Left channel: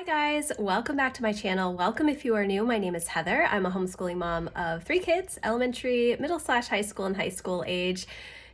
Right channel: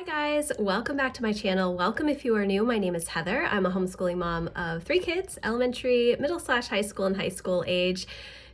Hi guys, welcome back to my channel. Welcome if you are new. My name is Heather. I'm a homeschooling mom of 3 kids, elementary, middle/high school, and high school age.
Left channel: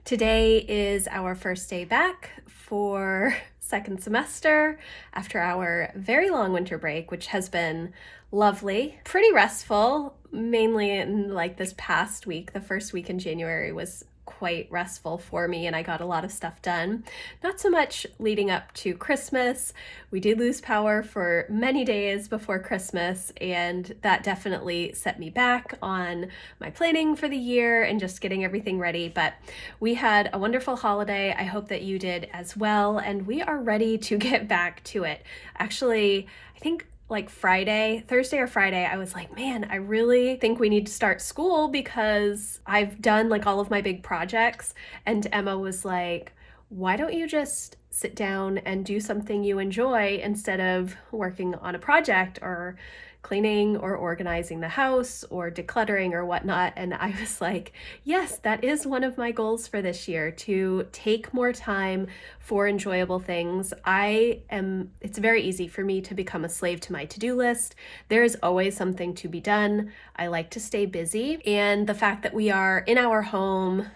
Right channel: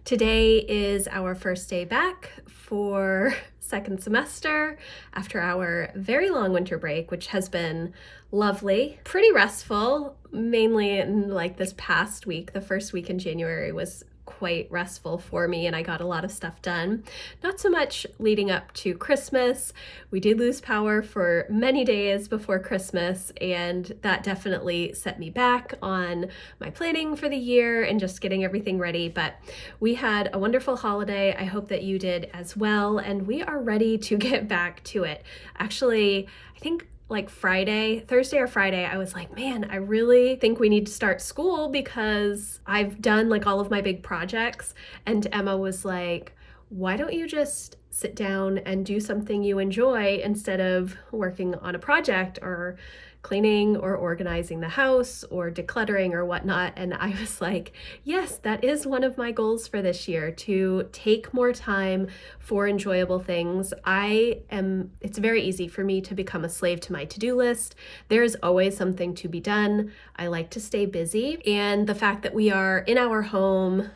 Today is our first day back for second semester after our very long winter break, which has been lovely, pretty restful, mainly in like this past week. The first week in January was quite restful for me and I got a lot of stuff done. Not so much leading up to Christmas. We did lose power for many days before Christmas, and that definitely set me back on my planning for the year and just getting everything ready. But we had a wonderful holiday. I hope that you did as well, and we are ready to get back to it. Actually, I think like Thursday or Friday, I was like, man, I really think we need to start school because I've done like all of my big projects. And Emma was like, why don't you just sit down and do something you enjoy instead of working on a project or cleaning or organizing the house or decluttering or whatnot. And I was like, yes, that is one of my goals for this year, to take more time for enjoyable things. It's very easy for me to become a slave to my to-do list. There's always something to be done. I like to stay busy. And the fact that we are in our home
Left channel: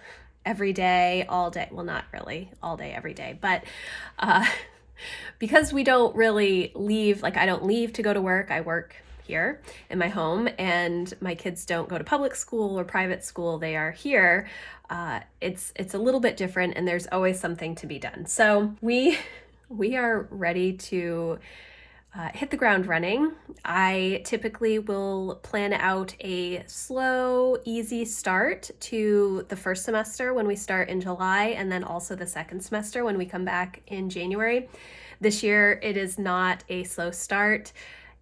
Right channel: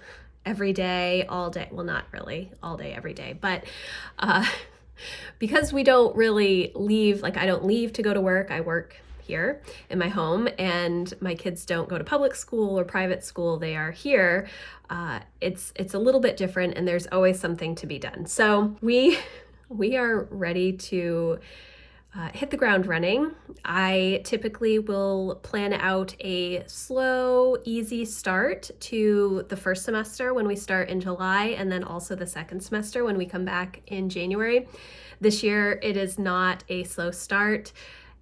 every day, all day, well, not really all day, every day, but because we don't really leave, like I don't leave to go to work, I work here in my home, and my kids don't go to public school or private school, they are here. It's a little bit different, and there's always something to be done. So we are ready to hit the ground running. I typically will plan out a slow, easy start to the first semester when we start in July, and then also the second semester when we come back in January. This year, it is not a slow start.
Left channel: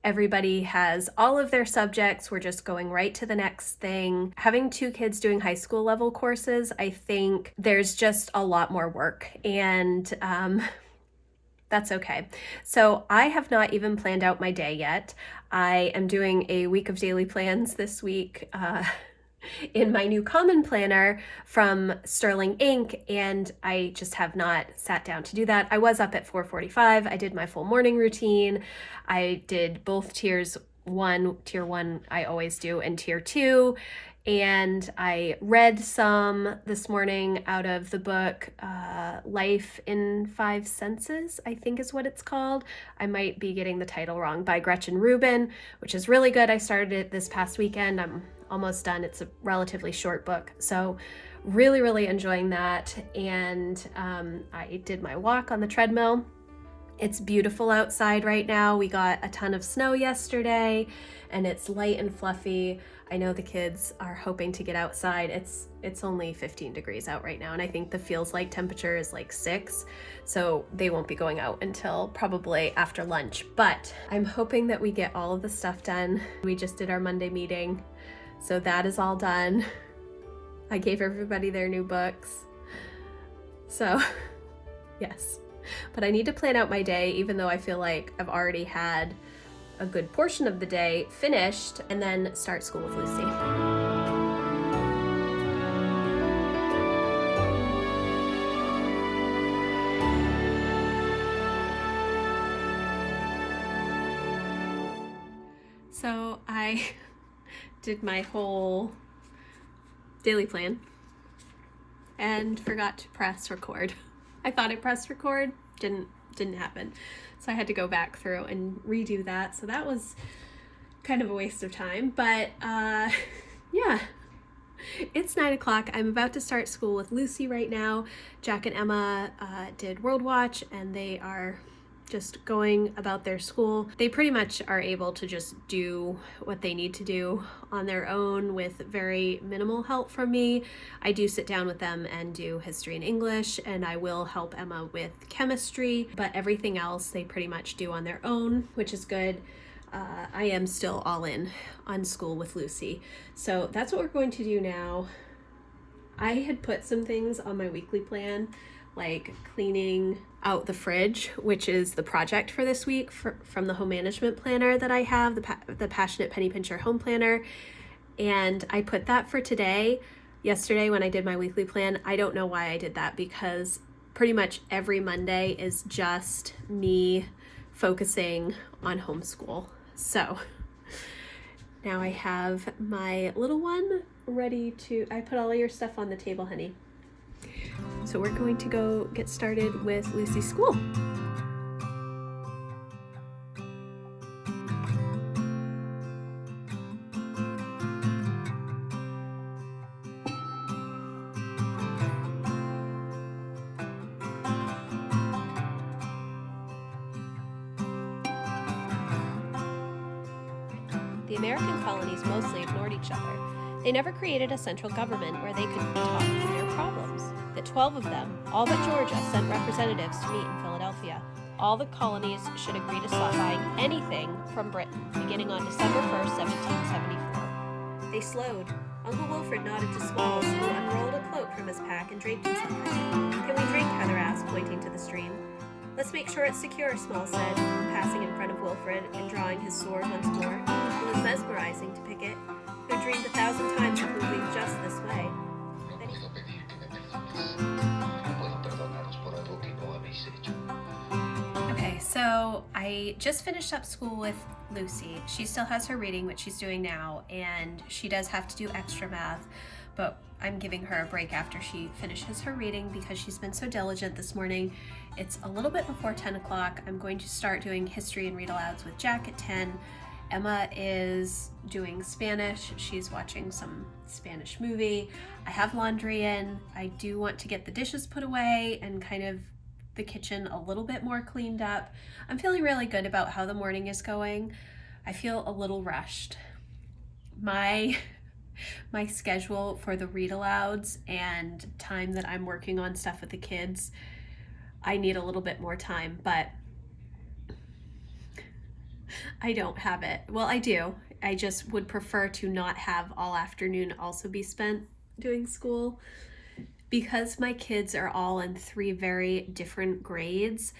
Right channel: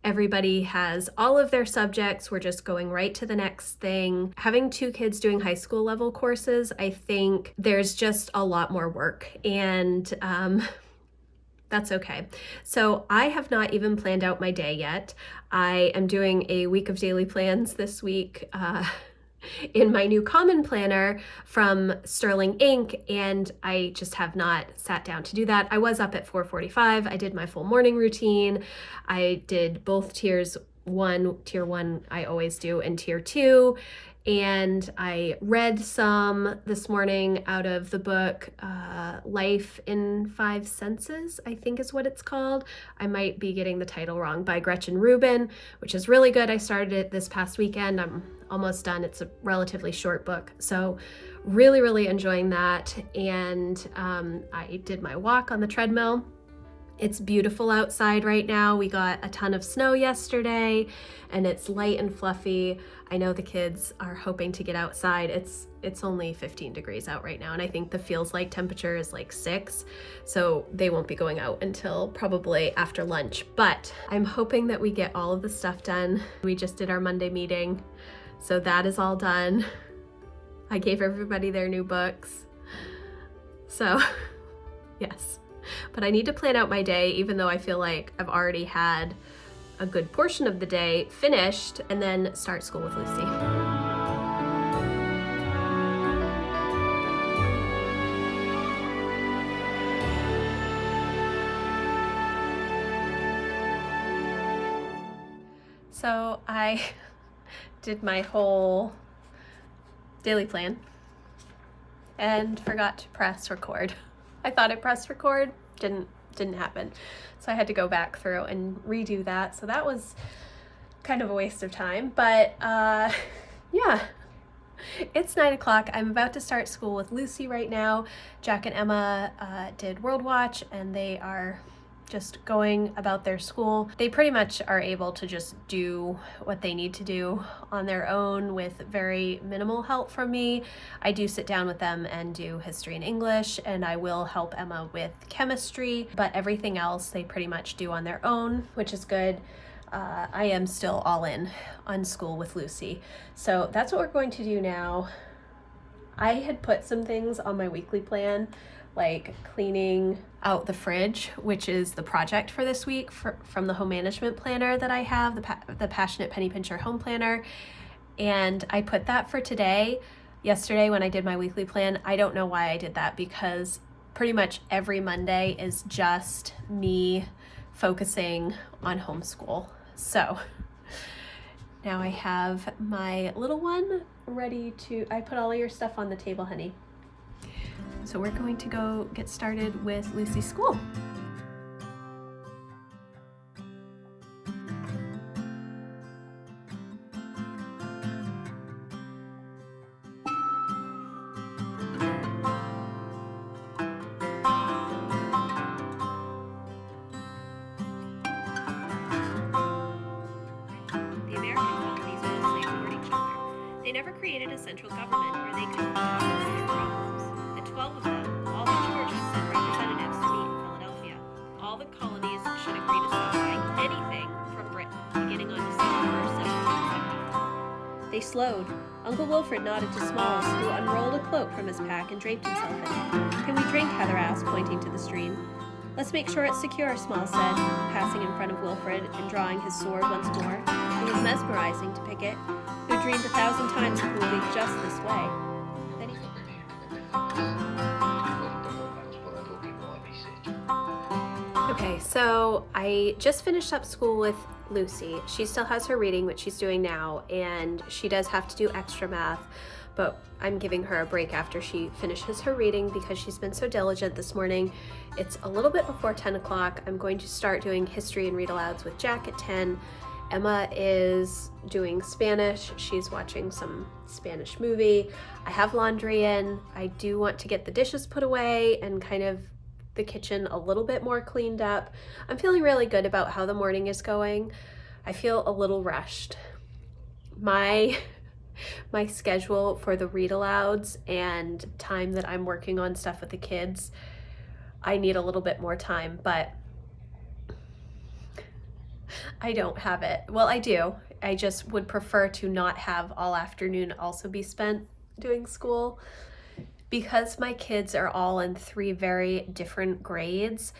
Everybody has all of their subjects. We're just going right to the next thing. Having 2 kids doing high school level courses, I think there's just a lot more work, and that's okay. So I have not even planned out my day yet. I am doing a week of daily plans this week in my new Common Planner from Sterling Inc., and I just have not sat down to do that. I was up at 4:45. I did my full morning routine. I did both tier 1 I always do, and tier 2. And I read some this morning out of the book Life in 5 Senses, I think is what it's called. I might be getting the title wrong, by Gretchen Rubin, which is really good. I started it this past weekend. I'm almost done. It's a relatively short book. So really enjoying that. And I did my walk on the treadmill. It's beautiful outside right now. We got a ton of snow yesterday and it's light and fluffy. I know the kids are hoping to get outside. It's only 15 degrees out right now, and I think the feels like temperature is like 6, so they won't be going out until probably after lunch. But I'm hoping that we get all of the stuff done. We just did our Monday meeting, so that is all done. I gave everybody their new books. So yes, but I need to plan out my day, even though I feel like I've already had a good portion of the day finished, and then start school with Lucy. So I did my whole daily plan and forgot to press record. I thought it pressed record, didn't happen. So I had to go back through and redo that. So that was kind of a waste of time, but yeah, it's 9 o'clock. I'm about to start school with Lucy right now. Jack and Emma did World Watch, and they are just going about their school. They pretty much are able to just do what they need to do on their own with very minimal help from me. I do sit down with them and do history and English, and I will help Emma with chemistry, but everything else they pretty much do on their own, which is good. I am still all in on school with Lucy. So that's what we're going to do now. I had put some things on my weekly plan, like cleaning out the fridge, which is the project for this week from the home management planner that I have, the Passionate Penny Pincher home planner. And I put that for today. Yesterday when I did my weekly plan, I don't know why I did that, because pretty much every Monday is just me focusing on homeschool. So now I have my little one ready to, I put all of your stuff on the table, honey. So we're going to go get started with Lucy's school. They never created a central government where they could be talking through their problems. The 12 of them, all but Georgia, sent representatives to meet in Philadelphia. All the colonies should agree to stop buying anything from Britain, beginning on December 1st, 1774. They slowed. Uncle Wilfred nodded to Smalls, who unrolled a cloak from his pack and draped himself in it. "Can we drink?" Heather asked, pointing to the stream. "Let's make sure it's secure," Smalls said, passing in front of Wilfred and drawing his sword once more. It was mesmerizing to Pickett, who dreamed 1,000 times of moving just this way. Then Okay, so I just finished up school with Lucy. She still has her reading, which she's doing now, and she does have to do extra math, but I'm giving her a break after she finishes her reading because she's been so diligent this morning. It's a little bit before 10 o'clock. I'm going to start doing history and read alouds with Jack at 10. Emma is doing Spanish. She's watching some Spanish movie. I have laundry in. I do want to get the dishes put away and kind of the kitchen a little bit more cleaned up. I'm feeling really good about how the morning is going. I feel a little rushed. My schedule for the read alouds and time that I'm working on stuff with the kids, I need a little bit more time, but I don't have it. Well, I do. I just would prefer to not have all afternoon also be spent doing school. Because my kids are all in 3 very different grades,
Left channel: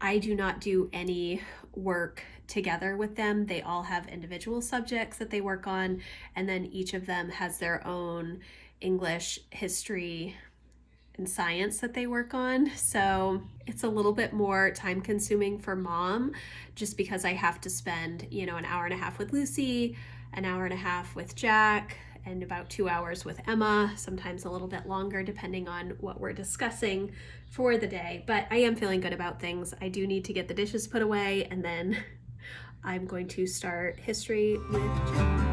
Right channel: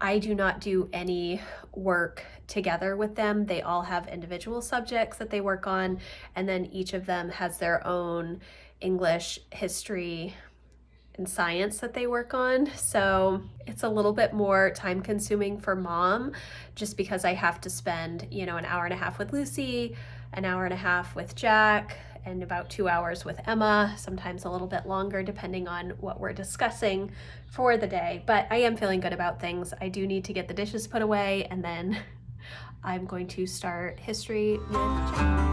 I do not do any work together with them. They all have individual subjects that they work on, and then each of them has their own English, history, and science that they work on. So it's a little bit more time consuming for mom, just because I have to spend, an hour and a half with Lucy, an hour and a half with Jack, and about 2 hours with Emma, sometimes a little bit longer depending on what we're discussing for the day. But I am feeling good about things. I do need to get the dishes put away, and then I'm going to start history with Jack.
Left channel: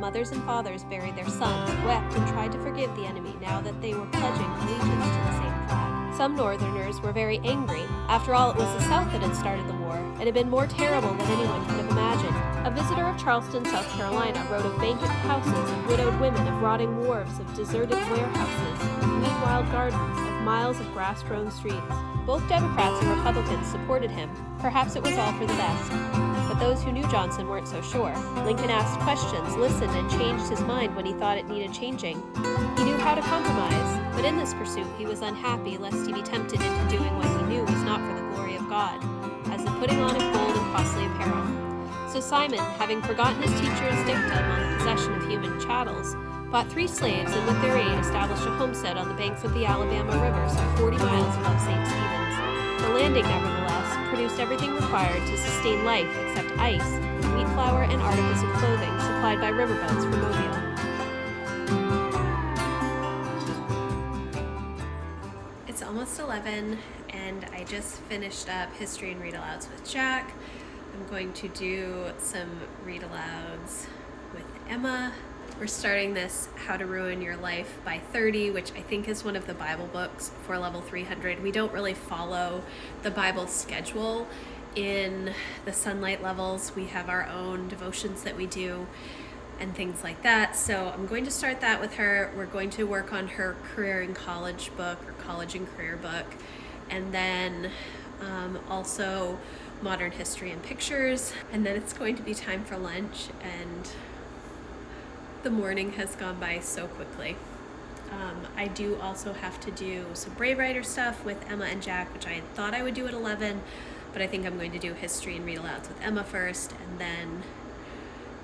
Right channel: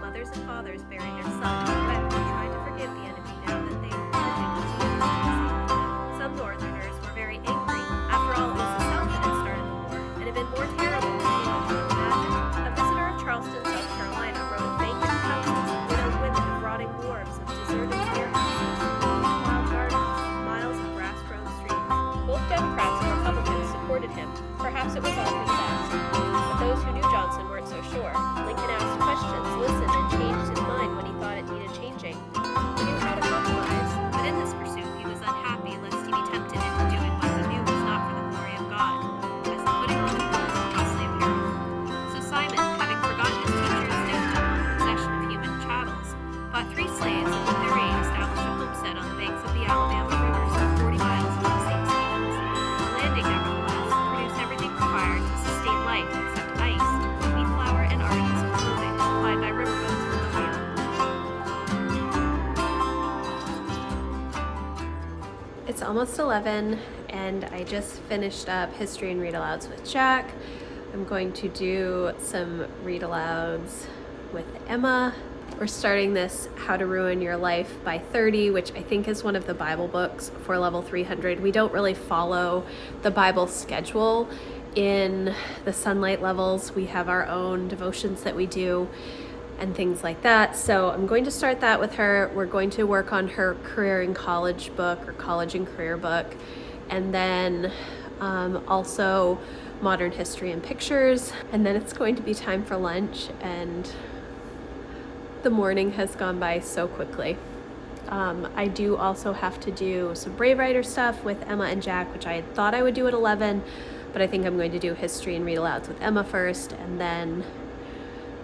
Mothers and fathers buried their sons, wept, and tried to forgive the enemy now that they were pledging allegiance to the same flag. Some Northerners were very angry. After all, it was the South that had started the war, and had been more terrible than anyone could have imagined. A visitor of Charleston, South Carolina, wrote of bankrupt houses, of widowed women, of rotting wharves, of deserted warehouses, of wild gardens, of miles of grass-grown streets. Both Democrats and Republicans supported him. Perhaps it was all for the best. But those who knew Johnson weren't so sure. Lincoln asked questions, listened, and changed his mind when he thought it needed changing. He knew how to compromise, but in this pursuit he was unhappy lest he be tempted into doing what he knew was not for the glory of God, as the putting on of gold and costly apparel. So Simon, having forgotten his teacher's dictum on the possession of human chattels, bought 3 slaves and with their aid established a homestead on the banks of the Alabama River, some 40 miles above St. Stephen's. The landing, nevertheless, produced everything required to sustain life except ice, wheat flour, and articles of clothing supplied by riverboats from Mobile. It's almost 11, and I just finished up history and read alouds with Jack. I'm going to do some read alouds with Emma. We're starting this How to Ruin Your Life by 30, which I think is one of the Bible books for level 300. We don't really follow the Bible schedule in the Sunlight levels. We have our own devotions that we do. and things like that. So I'm going to start that with her. We're going to work on her career and college book, or college and career book, and then also modern history and pictures. And then it's going to be time for lunch, and the morning has gone by so quickly. I do also have to do some Brave Writer stuff with Emma and Jack, which I thought I would do at 11, but I think I'm going to do history and read alouds with Emma first, and then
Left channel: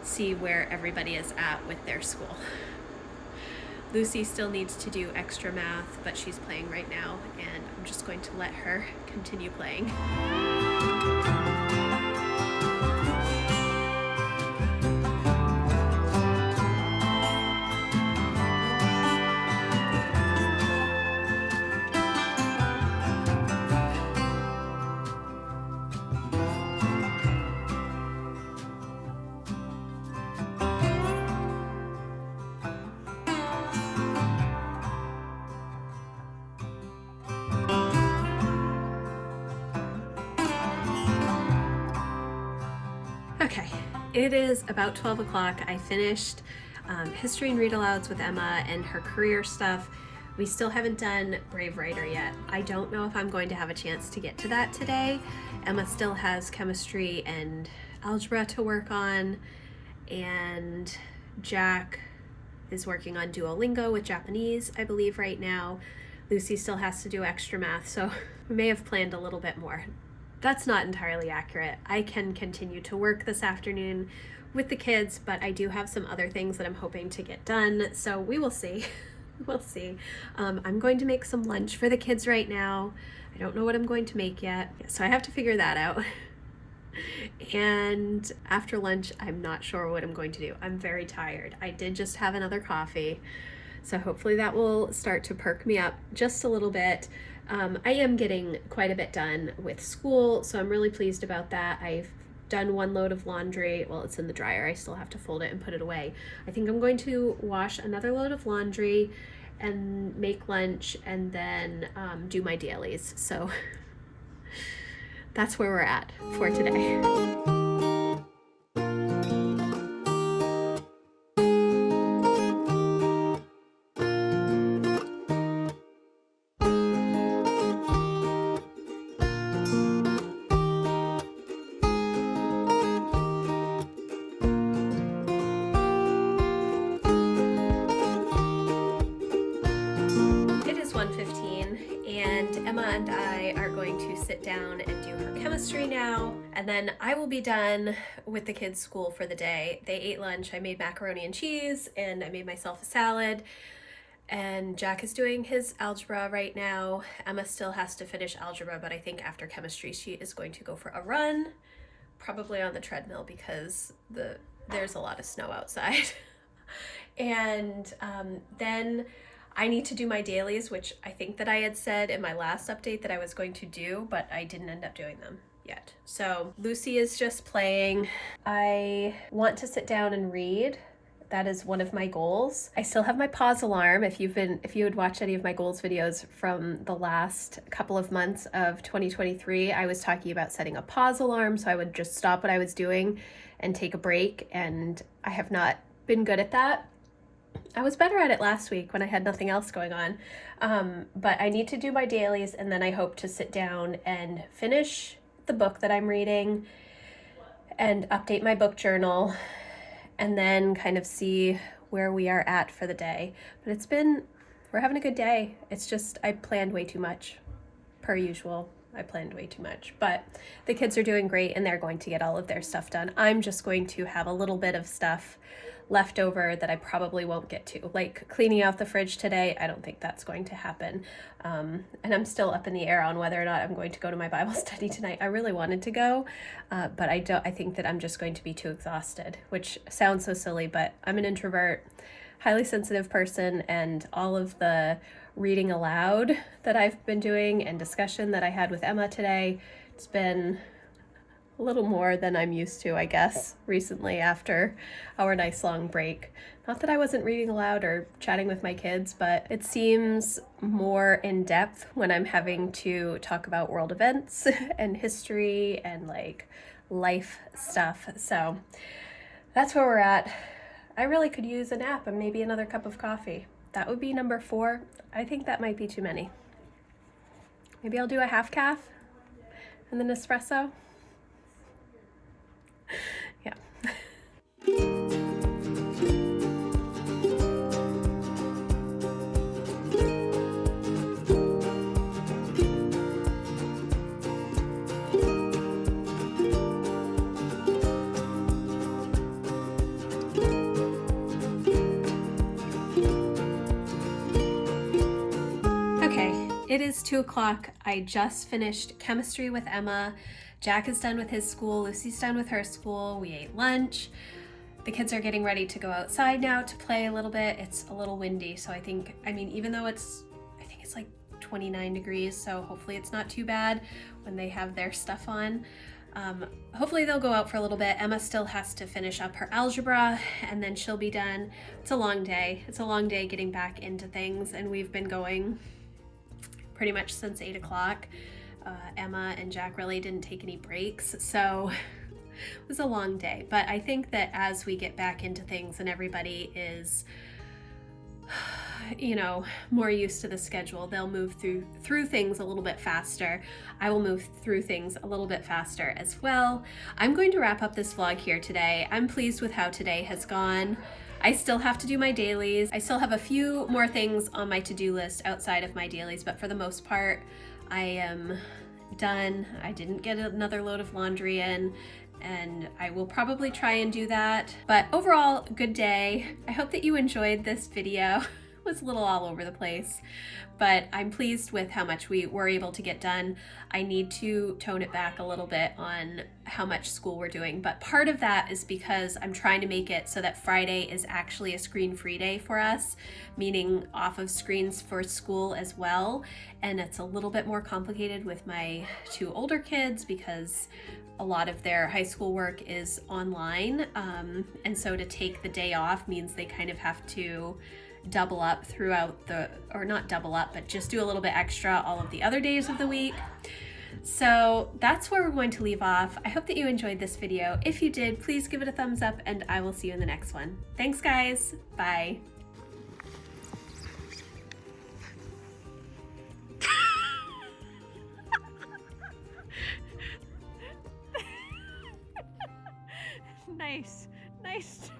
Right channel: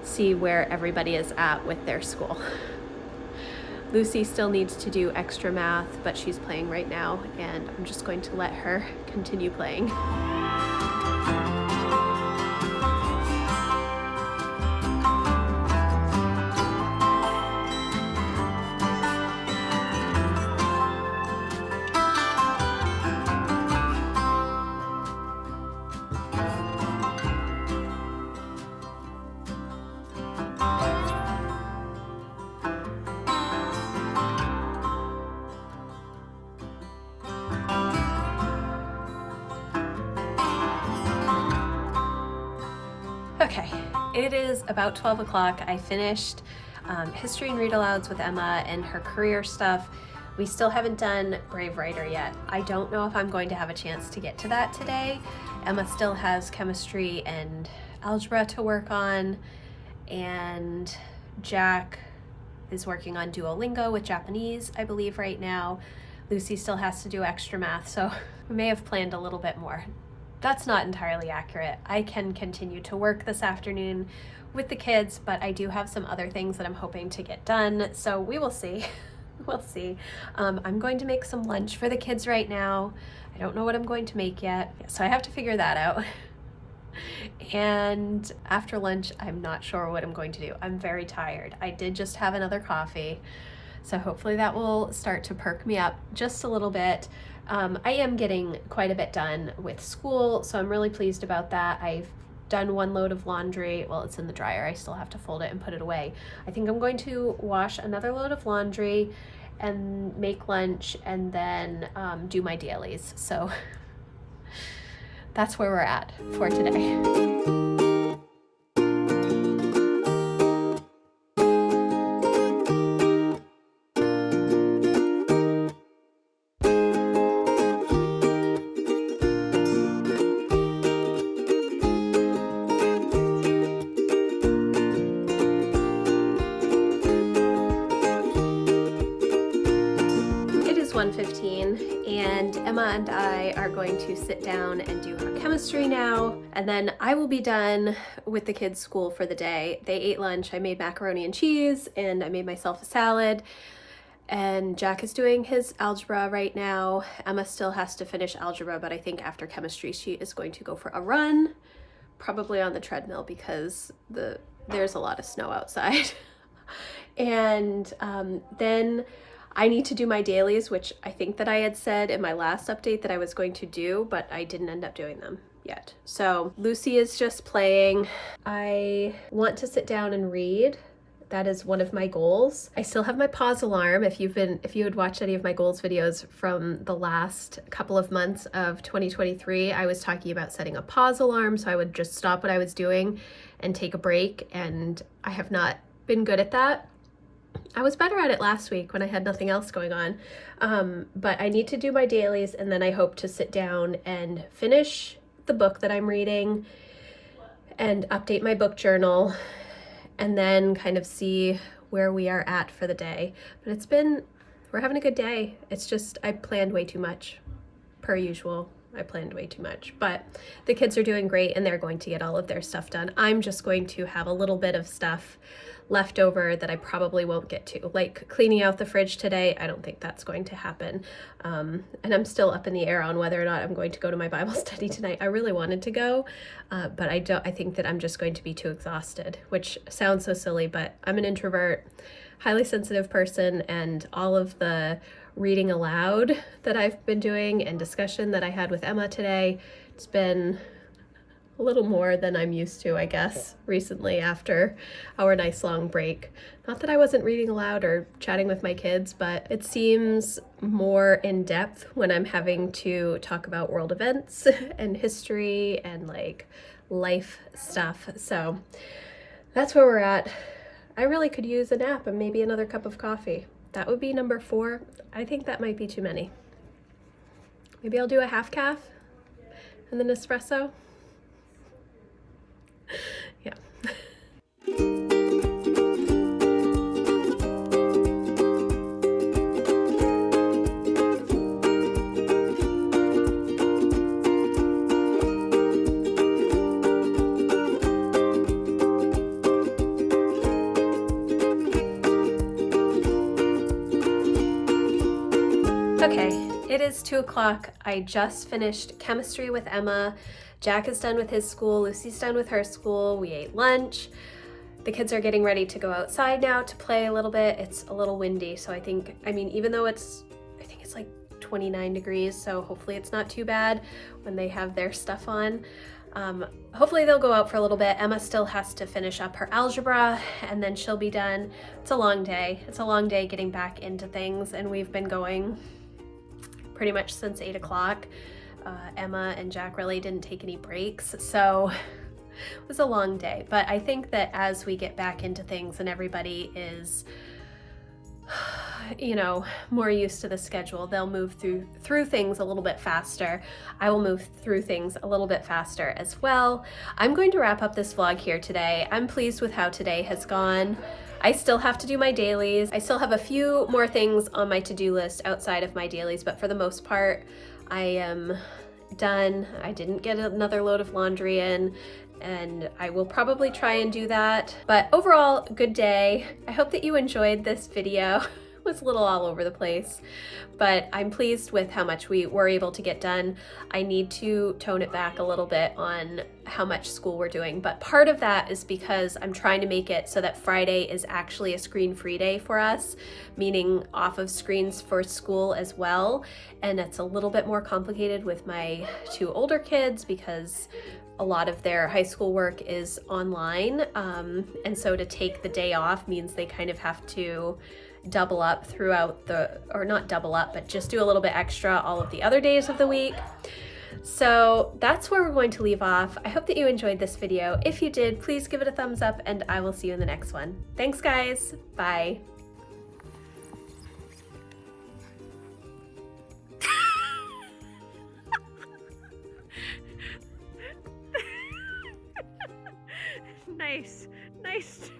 see where everybody is at with their school. Lucy still needs to do extra math, but she's playing right now, and I'm just going to let her continue playing. Okay, it is about 12 o'clock. I finished history and read alouds with Emma and her career stuff. We still haven't done Brave Writer yet. I don't know if I'm going to have a chance to get to that today. Emma still has chemistry and algebra to work on, and Jack is working on Duolingo with Japanese, I believe, right now. Lucy still has to do extra math, so we may have planned a little bit more. That's not entirely accurate. I can continue to work this afternoon with the kids, but I do have some other things that I'm hoping to get done, so we will see. We'll see. I'm going to make some lunch for the kids right now. I don't know what I'm going to make yet, so I have to figure that out. And after lunch, I'm not sure what I'm going to do. I'm very tired. I did just have another coffee, so hopefully that will start to perk me up just a little bit. I am getting quite a bit done with school, so I'm really pleased about that. I've done one load of laundry. Well, it's in the dryer. I still have to fold it and put it away. I think I'm going to wash another load of laundry and make lunch, and then do my dailies. So that's where we're at for today. And Emma and I are going to sit down and do her chemistry now, and then I will be done with the kids' school for the day. They ate lunch. I made macaroni and cheese, and I made myself a salad, and Jack is doing his algebra right now. Emma still has to finish algebra, but I think after chemistry she is going to go for a run, probably on the treadmill, because there's a lot of snow outside. And then I need to do my dailies, which I think that I had said in my last update that I was going to do, but I didn't end up doing them yet. So Lucy is just playing. I want to sit down and read. That is one of my goals. I still have my pause alarm. If you had watched any of my goals videos from the last couple of months of 2023, I was talking about setting a pause alarm so I would just stop what I was doing and take a break, and I have not been good at that. I was better at it last week when I had nothing else going on, but I need to do my dailies, and then I hope to sit down and finish the book that I'm reading and update my book journal, and then kind of see where we are at for the day. But we're having a good day. It's just I planned way too much, per usual. I planned way too much, but the kids are doing great and they're going to get all of their stuff done. I'm just going to have a little bit of stuff left over that I probably won't get to, like cleaning out the fridge today. I don't think that's going to happen, and I'm still up in the air on whether or not I'm going to go to my Bible study tonight. I really wanted to go, but I think that I'm just going to be too exhausted, which sounds so silly, but I'm an introvert, highly sensitive person, and all of the reading aloud that I've been doing and discussion that I had with Emma today, it's been a little more than I'm used to, I guess, recently after our nice long break. Not that I wasn't reading aloud or chatting with my kids, but it seems more in depth when I'm having to talk about world events and history and like life stuff. So that's where we're at. I really could use a nap and maybe another cup of coffee. That would be number 4. I think that might be too many. Maybe I'll do a half calf and then espresso. Yeah. Okay, it is 2 o'clock. I just finished chemistry with Emma. Jack is done with his school. Lucy's done with her school. We ate lunch. The kids are getting ready to go outside now to play a little bit. It's a little windy, so I mean, even though I think it's like 29 degrees, so hopefully it's not too bad when they have their stuff on. Hopefully they'll go out for a little bit. Emma still has to finish up her algebra and then she'll be done. It's a long day. It's a long day getting back into things, and we've been going pretty much since 8 o'clock. Emma and Jack really didn't take any breaks, so it was a long day. But I think that as we get back into things and everybody is, you know, more used to the schedule, they'll move through things a little bit faster. I will move through things a little bit faster as well. I'm going to wrap up this vlog here today. I'm pleased with how today has gone. I still have to do my dailies. I still have a few more things on my to-do list outside of my dailies, but for the most part, I am done. I didn't get another load of laundry in, and I will probably try and do that. But overall, good day. I hope that you enjoyed this video. It was a little all over the place, but I'm pleased with how much we were able to get done. I need to tone it back a little bit on how much school we're doing, but part of that is because I'm trying to make it so that Friday is actually a screen-free day for us, meaning off of screens for school as well. And it's a little bit more complicated with my 2 older kids because a lot of their high school work is online. And so to take the day off means they kind of have to double up throughout or not double up, but just do a little bit extra all of the other days of the week. So that's where we're going to leave off. I hope that you enjoyed this video. If you did, please give it a thumbs up, and I will see you in the next one. Thanks, guys. Bye. Nice.